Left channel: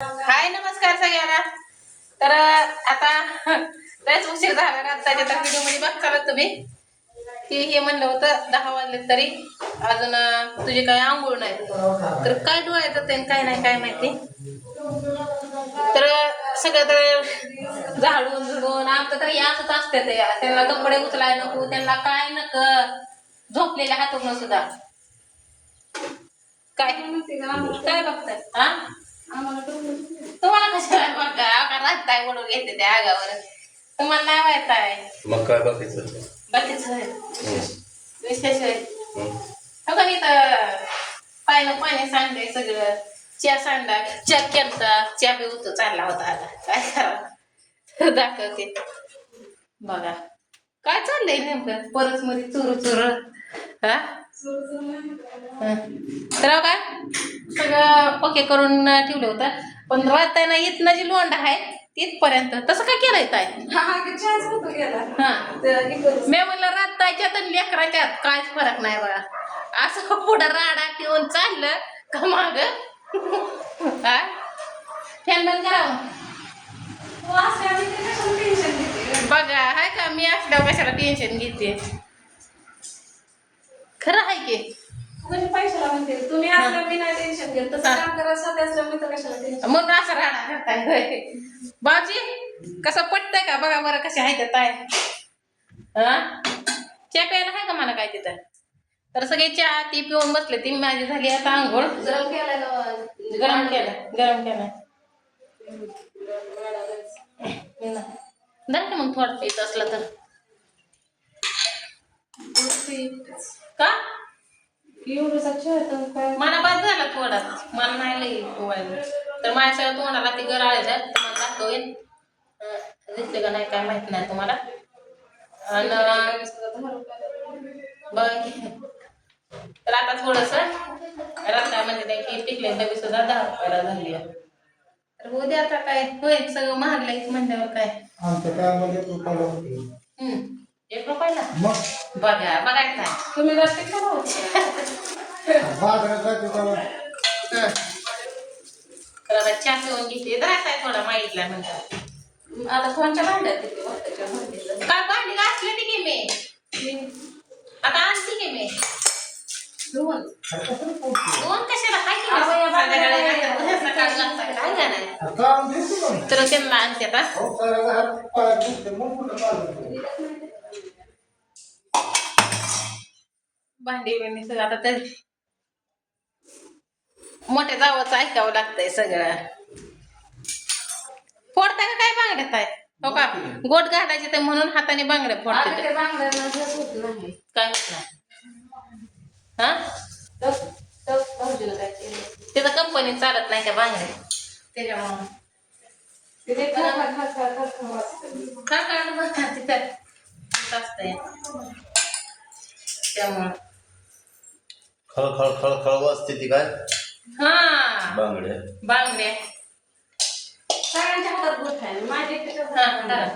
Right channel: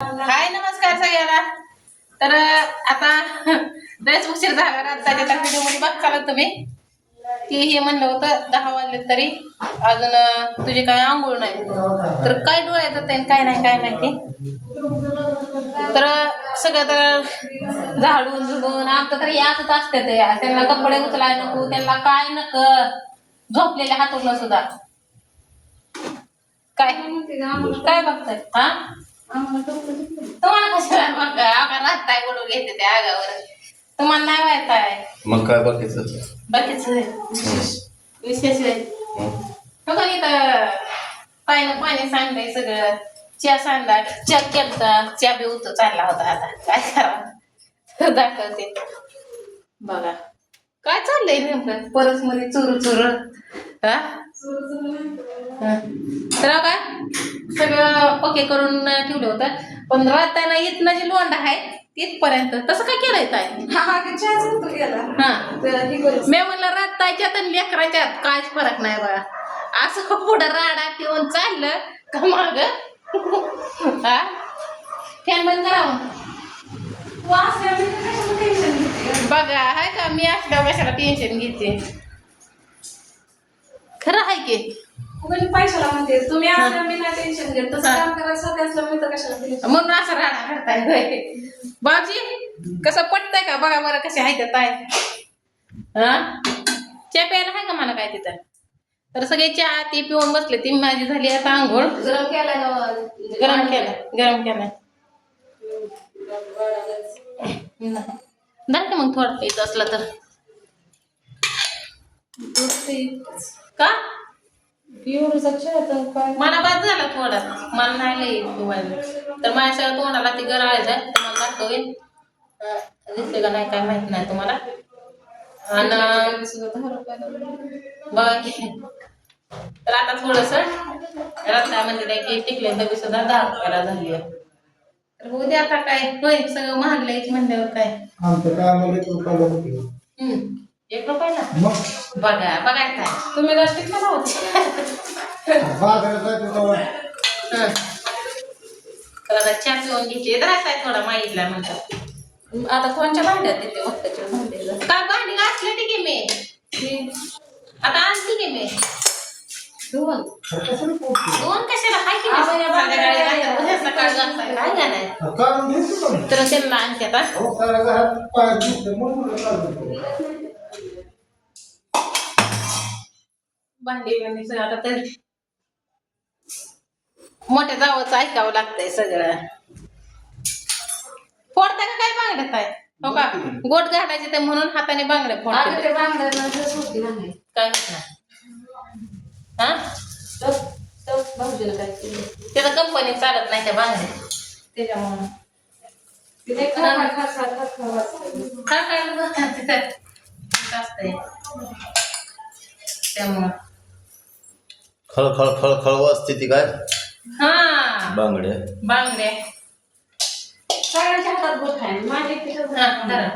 हाय नमस्कार सगळ्यांना. तर आता लयच उशीर झाला रात्रीच्या तर व्हिडिओ मध्ये बघताल तुम्ही की हे म्हणलं होतं 10 वाजले तरी अजून तुझी काय आंघोळ नाही. तर काय डोळ्यात येत काय नाही काय माहिती. तर सगळं तर झाडून झुडून आमचं तर याच असते ते त्यांना कपडे उचलाय नको त्यांना काय नक झोपलेल्या हातून सुद्धा काय काय बघताय हा तुम्हाला कशाला मग राहताय ओढून घेते त्या आगावर तुम्हाला नाही व्हायचंय मग काय बाकीचं विशेष आहे तर पाणी पाणी सांडलंय सगळं चहा सांडला चहा केलता चहा बी उतू चालला होता आता काय करावं दाखवते बघा काय चाललंय नेमकं परस मध्ये चुरू चुरू हा तर काय सगळं ओके करून ठेवलं होतं पण राहताना इथनं जी लोंढा आहे तिथपर्यंत तसं काय केलंय काय मी म्हणलं रात्ताच्यात आणि लेकराच्यात काहीच फरक नाही बघा असं पुढं राडा ठेवून चाललं का माग हा फॅन बंद करावं बघा हाय का मी असल्यावर कशाला टेन्शन घेते खरं आहे की पैशाला म्हणते तुम्ही असल्या मी नाही टेन्शन घेत तसं काम करायचं त्याचं मी तर कशाला टेन्शन म्हणून असं राडा करताय बाजी कसं पटतंय का बघा बरं कसे आहे ते ताय हा चहा प्यायला आहे का मला काय तिथं तर सगळे चहा ती पिऊन बसले ती माझी झाली आता आंघोळ गरम केला गरम केलाय धर का मग थोडं येत असलं तर का मला बाद झाला थोडा मला नाही लई तर माझ्या सगळं तोंडाला ती गराळायचं तर मला दाखवेल दिसते का नाही काय माहित नाही तुम्हाला आणि बघा की तर आता थोडस रत्ना म्हणजे की टिकले डबी सुद्धा 10 रुपयाला झाली आहे तर उद्या आता काय होईल सगळं महागलंयच म्हणल्यावर काय एक रुपयाला बघा बघायचं आहे तुम्ही टिकले तर आता चहा पिऊन घेतली राहत आहे थोडा माहितला म्हणतात आता कोणच्या भांड्यात येते वक्ताच्या भांड्याला काय भांडी घासले ती की मी आता आणते की मी दोन कशाला हाय की संध्याकाळी घालतात सकाळी घालताय काय का नाही तर त्यांना आणते आता भांडी बिंडी सगळं आता तर मोठ्या जावंच ऐकावं लागतंय सगळं फोडता का काय बांगड्यात आहे हो का गोट घालायचे तर म्हणून हाताने बांगड्या फोडते काय होत नाही हा त्याचं कंपनी चालत नाही त्या बांगड्या त्याच्यामुळं खळखळ बसतात तिथं असतंय त्यामुळं खळ खळ खळ खळ वाजते ती काय हा बांगड्या बांगड्या सगळ्यांच्या हातात गोष्ट आहे माझे हा धरा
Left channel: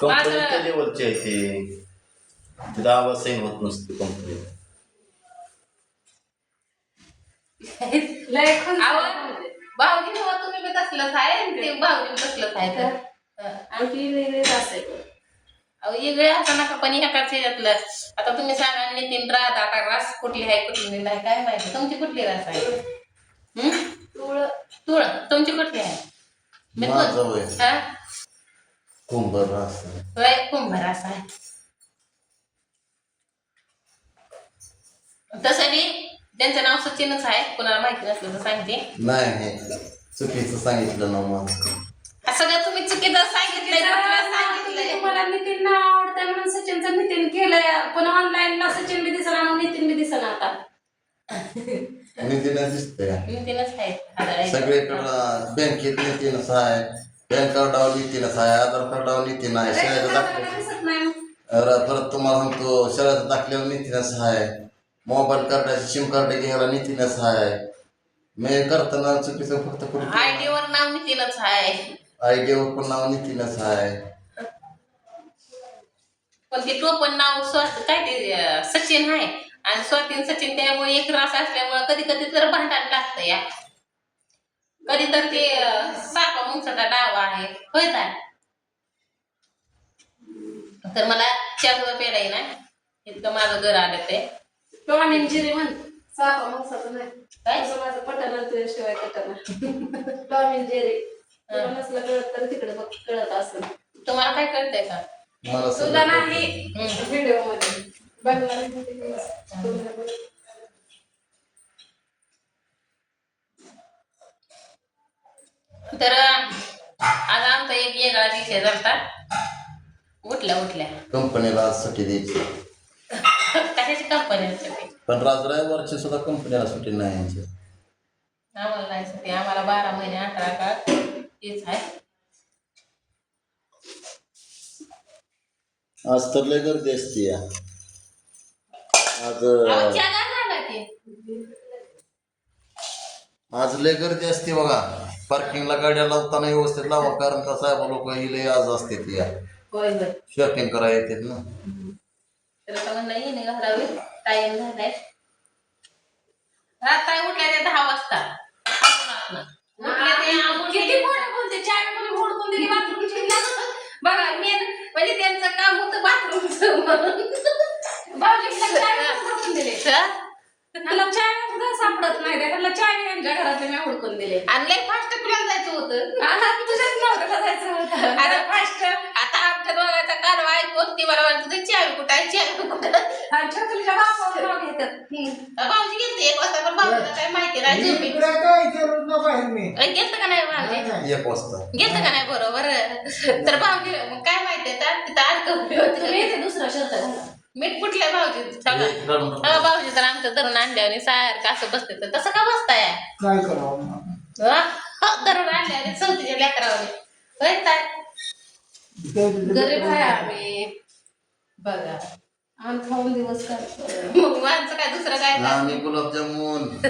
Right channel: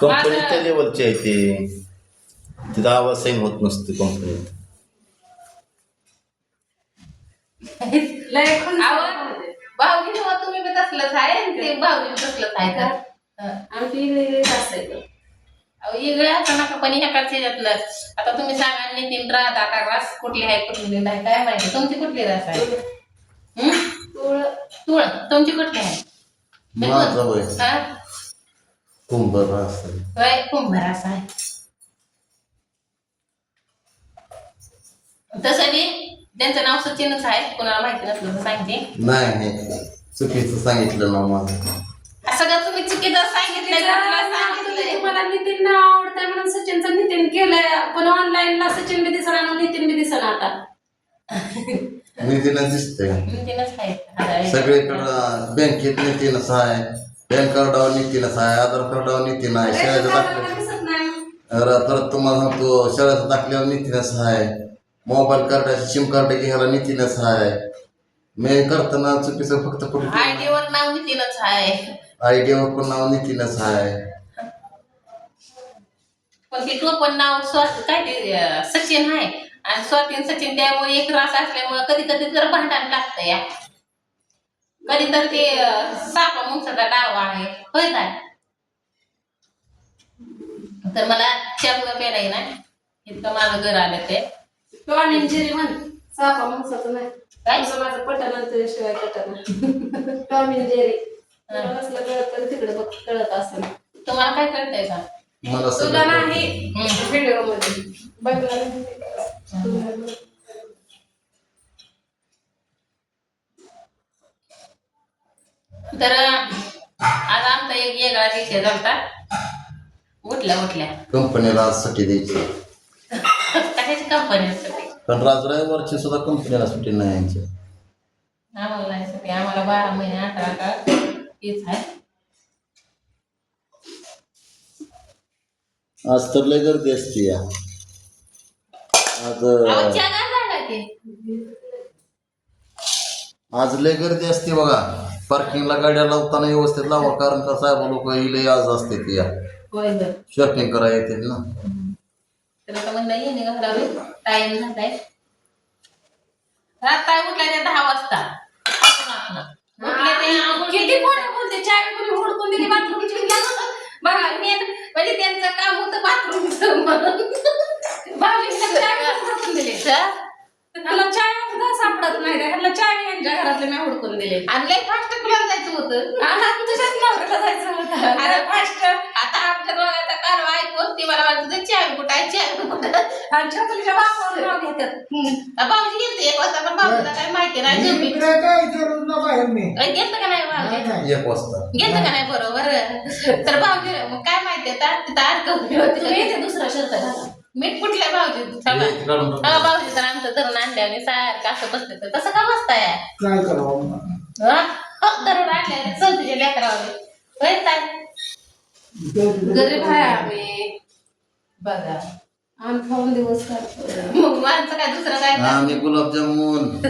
कंपनीच्या लेवलची आहे ते तिथं आवाज सेम होत नसतो कंपनीत भाऊजी जेव्हा तुम्ही बी तसलंच आहे ते भाऊजी तसलंच आहे का आमची वेगळी असते वेगळे असं नका पण ह्याकडचे ह्याच्यातलं आता तुम्ही सांगा नितीन राधा आता रास कुठली आहे कुठली नाही काय माहिती तुमची कुठली रास आहे तुळ तुमची कुठली आहे माझं वय हा कुंभार असतं होय कुंभार असा आहे तसं बी त्यांचं नाव सचिनच आहे कोणाला माहिती नसलं तर सांगते नाही हे चुकीचं सांगितलं ना माझं सगळं तुम्ही चुकीचं सांगितलंय मला नितीन आवडतंय म्हणून सचिनचं नितीन केलंय पण ऑनलाईनला सचिन बी दिसला ना नितीन बी दिसला आता नितीनच दिसतंय नितीनच आहे सगळीकडं बँकेत नितीनच आहे पॅन कार्डावर नितीनच आहे आधार कार्डावर नितीन आहे शाळेचं दाखले दिसत नाही परत तुम्हाला सांगतो शाळेचं दाखल्यावर नितीनच आहे मोबाईल कार्डाचं सिम कार्ड घ्यायला नितीनच आहे मी करताना चुकीचं फक्त कुठे आयडी वर नाव नितीनच आहे आयडियावर पण नाव नितीनच आहे पण ते तो पण नाव काय ते सचिन आहे आणि स्वातीन सचिन त्यामुळे एक रास असल्यामुळे कधी कधी जर भांडण लागतं या कधी तर ते सापा मुंगसाचा डावा आहे होय काय तर मला चहा सुद्धा प्यायला येईना इतकं माझं घर आलं ते टॉम अँड जेरी म्हण सापा माणसाचं नाही काय तुझं माझं पटना तुझ्याशिवाय पटना टॉम अँड जेरी तुला नसलं कळत तर तिकडे बघ कळत असं तुम्हाला काय कळतंय का मला तुला सगळं नाही व्हिडिओ मध्ये बघणार तर आज आमचा एक वेगळा विषय झालता उठल्या कंपनीला आज सुट्टी द्यायची कशाची कंपनी असते पण राज रविवारची सुद्धा कंपनीला सुट्टी नाही यांची आम्हाला नाही सुट्टी आम्हाला 12 महिने 18 का तीच आहे आज तर लय गर्दी असते या आज अहो, चहा नाही झाला की आज लय गर्दी असते बघा पार्किंगला गाड्या लावताना व्यवस्थित लावा कारण का साहेब लोक ही लय आज असते ती या होय होय शॉपिंग करायला येते ना तर आता म्हणलं ये नाही घालावे टाइम झालाय रात काय उठलाय 10 वाजता उठले ते किती फोन बोलते चाय कोणी हुडकून दिली बाथरूमची बघा मेन म्हणजे त्यांचं काम होतं बाथरूमचं म्हणून भाऊजींना चाय हुडकून दिले ह्याला चाय सुद्धा सापडत नाही ह्याला चाय यांच्या घरातले मी हुडकून दिले आणि लय फास्ट तुला जायचं होतं हा तुझ्याच नवऱ्याला जायचं होतं अरे फास्ट आता आमच्या दोघांचा कालवा ऐकून ती मला वाटतं चावी कुठं आहे चावी कुठं आमच्या मुलीच्या बापावर नाव घेतात भाऊजी गेलते 1 वाजता पण भाऊजीला काही माहिती नाही जेवली गेलतं का नाही भाऊजी 1 वाजता गेलतं का नाही बरोबर तर भाऊजी मग काय माहितीये तर तिथं अडकवली होती ते दुसरा शर्ट घाला मीठ कुठल्या भाऊजी भाऊजी तर आमचं धरून आणल्याने सारखं असं बसते तर तसं का बसताय काय करावं धरून आणल्याने चौथीच्या लेकरावले होय काय गरीब आहे आम्ही बघा आम्ही खाऊन दिवस काढतो मग आमचं काय दुसरं काय नाही. आम्ही गुलाबजामुन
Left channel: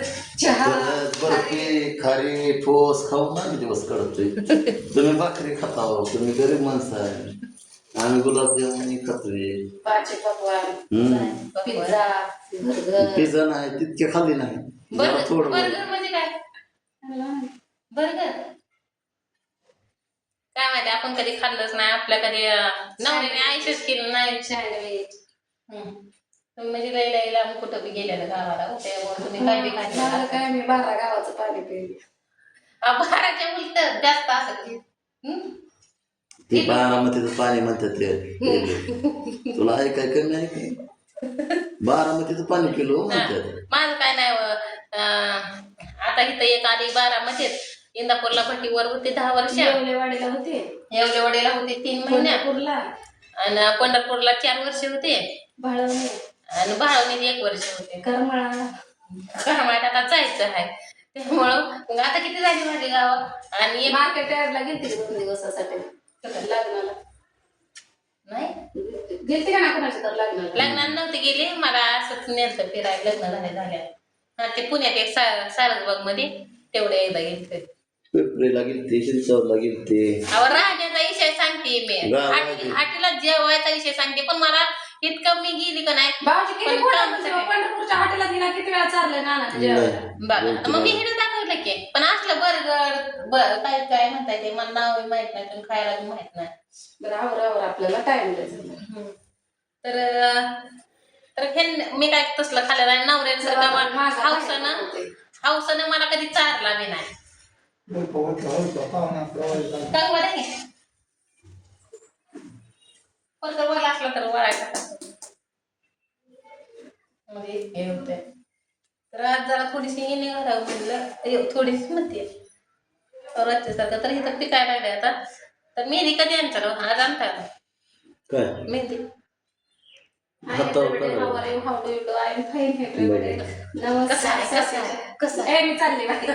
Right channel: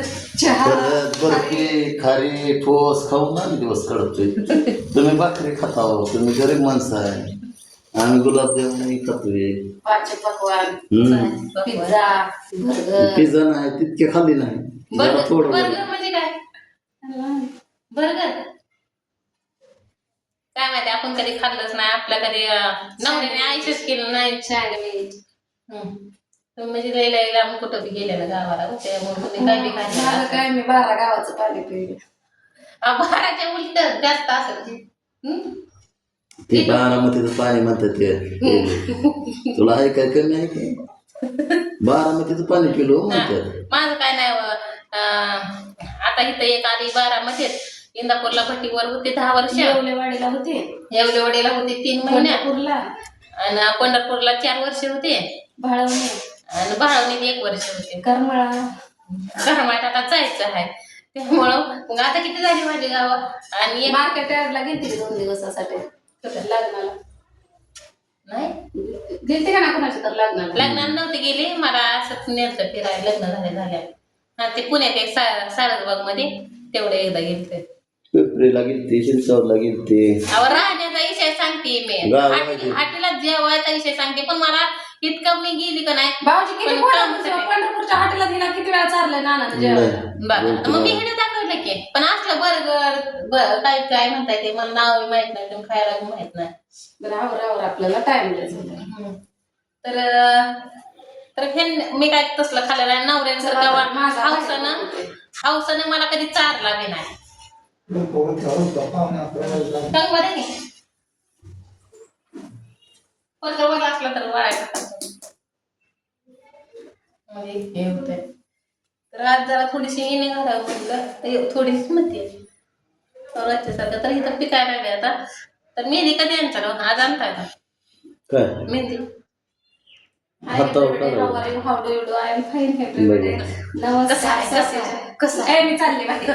चहा बर्फी खारी ठोस खाऊन ना दिवस काढतोय तुम्ही भाकरी खाता तुम्ही गरीब माणसं आहे आम्ही गुलाबजामुन खातोय पाचे पकवान हम्म पिझ्झा बर्गर पिझ्झा नाही तितके खाल्ली नाही जरा बर्गर थोडं बर्गर म्हणजे काय बर्गर काय माहिती आपण कधी खाल्लंच नाही आपल्या कधी नवऱ्याने आयुष्यच केलं नाही सँडविच तुम्ही म्हणजे लई लई लांब कुठं बी गेले ना गावाला त्यामुळे तुम्ही काय बी माझं खाल्लं काय मी 12 गावाचं पाणी पिले बाराच्या उलट जास्त असेल ते बारामतीचं पाणी म्हणतात ते तुला आहे काय कमी आहे काय बारामतीचं पाणी पिलो म्हणतात माझं काय नाही आता इथं एक आली बारामतीत इंदापूरला भट्टीवर होते 10 वर्ष येवलेवाडीला होते येवलेवाडीला होते 3 महिने पंढरपूरला आणि पंढरपूरला 4 वर्ष होते भाळवणी आणि भाळवणीत 1 वर्ष होते करमाळा घरमाट आता जायचं आहे त्यामुळं मग आता किती झाली माझी गावं आणि मार्केट यार्डला गेलते 2 दिवसासाठी लग्नाला नाही गेलते का ना कोणाच्या तर लग्नाला लग्नाला नव्हते गेले मला असंच नेलतं फिरायला लग्न झाल्या हा ते पुण्यात एक सारसबाग मध्ये तेवढे एकदा गेलते पेपरीला गेलते शिरसावरला गेलते अहो राहण्याचा विषय सांगते मी हाटीला जेवायचा विषय सांगते पण मला इतकं मी गेली का नाही भाऊजी किती पण कामासाठी. पंढरपूरच्या हॉटेलात गेला किती वेळा चाललंय नाना तुझ्या बघा मग मी हिडे दाखवलं की पण असलं बर्गर काय काय म्हणताय ते मला नाव माहित नाही तुम्ही खायला बी माहित नाही रावर आपल्याला टाइम द्यायचा तर हे मी काय तसलं खाल्लेलं आहे नवऱ्याचं हौसानं मला कधी चारला बी नाही सांग बरं की पण जवळ असला तर वरायचा म्हणजे हे होतंय तर आज जरा थोडीशी येणे घालावं म्हटलं थोडीशी म्हणते सारखं तर इथं पिकायला लागले आता तर मेहंदी कधी आणता आज आणता आता काय मेहंदी हातावर काढावं. कसं आहे मी चालली बाहेर.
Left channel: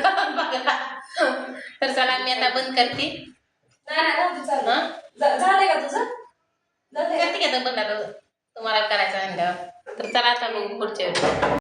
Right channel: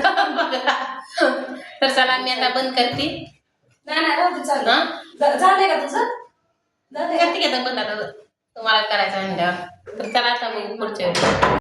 तर चला मी आता बंद करते नाही राहू दे, चालू. हा? झालंय का तुझं करते की आता बंद आता तुम्हाला करायचं आणल्यावर तर चला आता मग पुढच्या वेळी